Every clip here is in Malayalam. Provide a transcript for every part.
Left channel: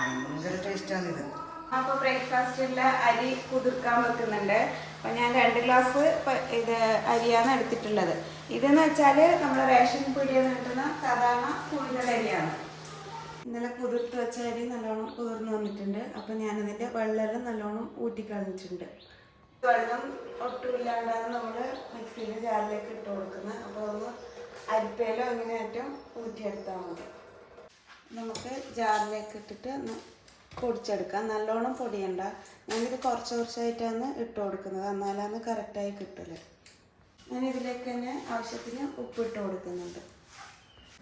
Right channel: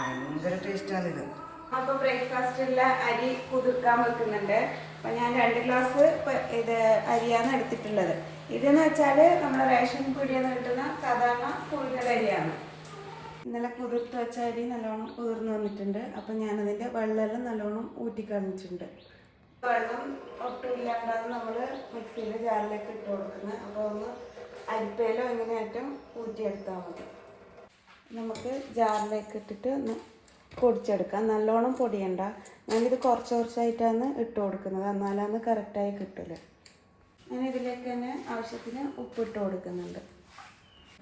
ഭയങ്കര ടേസ്റ്റാണിത്. അപ്പോൾ ബ്രേക്ക്ഫാസ്റ്റിലുള്ള അരി കുതിർക്കാൻ വെക്കുന്നുണ്ട്. അപ്പോൾ ഞാൻ 2 ഗ്ലാസ് ഇത് അരിയാണ് എടുത്തിട്ടുള്ളത്. ഇതെന്ന് വെച്ചാൽ നമ്മുടെ റേഷൻ പീടികയിൽ നിന്ന് കിട്ടുന്ന സാധാരണ പുഴുങ്ങലരിയാണ്. ഇന്നലെ കുതിർത്ത് വെച്ച അരി നല്ലോണം കുതിർന്ന് വന്നിട്ടുണ്ട്. അപ്പോൾ ഞാനതിൻ്റെ വെള്ളമെല്ലാം നല്ലോണം ഊറ്റിക്കളഞ്ഞിട്ടുണ്ട്. വെള്ളം ഒട്ടുമില്ലാണ്ടാണ് നമ്മൾ മിക്സിയിൽ ജാറിലേക്ക് ഇട്ട് കൊടുക്കുന്നത്. അപ്പോൾ ഒന്ന് അരിപ്പയിലോ അങ്ങനെയായിട്ടും ഊറ്റിയെടുത്താൽ മതി. നമുക്ക് ജാറിലേക്ക് ഇട്ടിട്ട് ഒന്ന് പൊടിച്ചെടുക്കാം. നല്ലോണം പൊടിയണ്ട. ഞാനിത് കുറച്ച് കുറച്ചായിട്ടാണ് ഇട്ട് കൊടുക്കുന്നത്, എന്നാലാണ് കറക്റ്റായി കിട്ടല്. ഞാനിതിലേക്ക് തന്നെ ആവശ്യത്തിന് ഉപ്പിട്ട് കൊടുക്കുന്നുണ്ട്.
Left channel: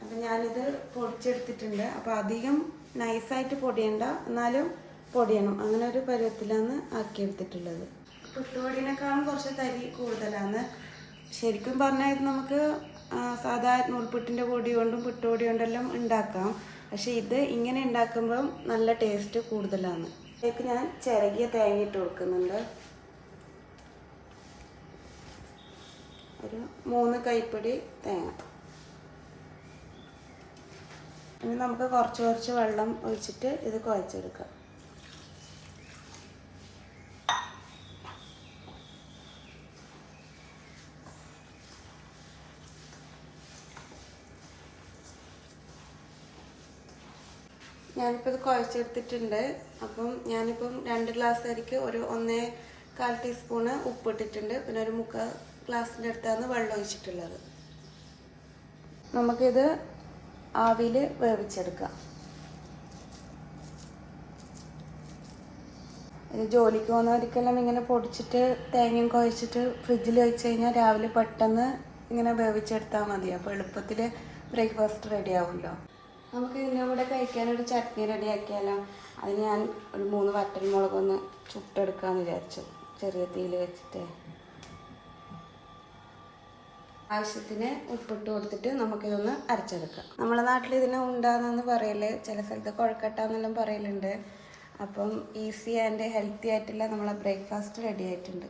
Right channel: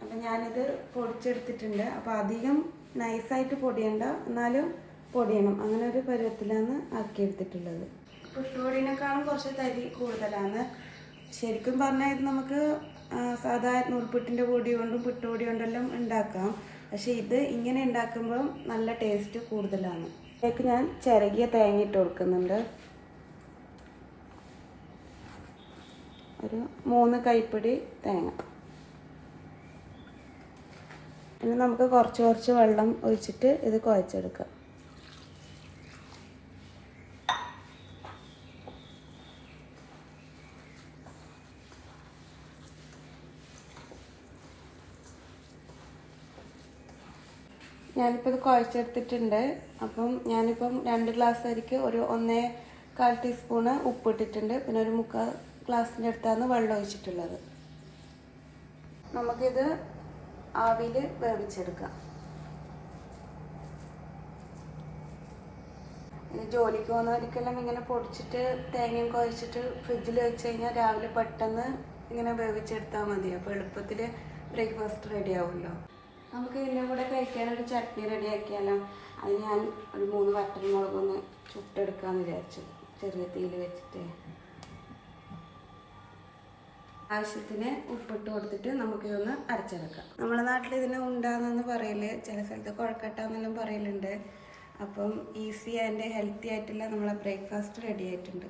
അപ്പം ഞാനിത് പൊടിച്ചെടുത്തിട്ടുണ്ട്. അപ്പോൾ അധികം നൈസായിട്ട് പൊടിയണ്ട, എന്നാലും പൊടിയണം. അങ്ങനെ ഒരു പരുവത്തിലാണ് ആക്കിയെടുത്തിട്ടുള്ളത്. പുട്ടുപൊടിനേക്കാളും കുറച്ച് തരി കൂടുതലാണ്. ശരിക്കും പറഞ്ഞാൽ ഇത് നമുക്ക് സാധാരണ നൂൽപുട്ടിൻ്റെ പൊടി കൊണ്ടും പുട്ടുപൊടി കൊണ്ടെല്ലാം ഉണ്ടാക്കാം. പക്ഷേ ഇത് ഇങ്ങനെ ഉണ്ടാക്കുമ്പം നല്ല ടേസ്റ്റ് കൂടുതലാണ്. ഇതിലേക്ക് ഞാൻ ചിരകിയ തേങ്ങ ഇട്ട് കൊടുക്കുന്നുണ്ട്. ഒരു 3 കൈപ്പിടി തേങ്ങ. ഇനി നമുക്ക് കുറച്ച് കുറച്ച് വെള്ളം ഒഴിച്ചിട്ട് ഇത് കുഴച്ചെടുക്കാം. ഞാനിപ്പോൾ ഇത് കുഴച്ചെടുത്തിട്ടുണ്ട്. അപ്പം ഞാനിപ്പം 2 ഗ്ലാസ് അരിക്ക് ഒരു 1.25 ടീസ്പൂണ് ഉപ്പിട്ടിട്ടുണ്ട്. പിന്നെ ഒരു 3/4 ഗ്ലാസിൻ്റെ അടുത്താണ് വെള്ളം ഒഴിച്ചിട്ടുള്ളത്. നമുക്കിത് ആവിയിൽ വേവിച്ചെടുക്കാം. ഇത് ജോലിക്ക് പോകുന്നവർക്കെല്ലാം ഇങ്ങനെ പൊടിച്ചിട്ട് തേങ്ങയും കുഴച്ചിട്ട് ഫ്രിഡ്ജിൽ വെച്ച് കഴിഞ്ഞാൽ രാവിലെ പെട്ടെന്ന് ഇങ്ങനെ വേവിച്ചെടുത്താൽ മതി. അപ്പോൾ എളുപ്പത്തിൽ ബ്രേക്ക്ഫാസ്റ്റ് റെഡി ആവുമല്ലോ. നമുക്ക് ഇതിൻ്റെ കൂടെ കഴിക്കാനൊരു ചട്നി റെഡിയാക്കിയാലോ. അതിന് ഞാൻ ഒരു 3 വറ്റൽമുളകൊന്ന് ചുട്ടെടുക്കാമെന്ന് വിചാരിച്ചു, ചെറിയ തീയിൽ വെച്ചിട്ട്. ആവശ്യത്തിന് ഉപ്പിട്ട് കൊടുത്തിട്ട് നമുക്കിതൊന്ന് അരച്ചെടുക്കാം. നമ്മുടെ നാട്ടിൽ ഇതിന് ഉണ്ടാകുന്നെന്ന് പറയില്ലേ, ചില സ്ഥലത്ത് കുഴക്കട്ട എന്നെല്ലാം പറയലുണ്ട്. അപ്പം ഈസി ആൻഡ് ഹെൽത്തി ആയിട്ടുള്ള നമ്മളെ ബ്രേക്ക്ഫാസ്റ്റ് റെഡി ആയിട്ടുണ്ട്.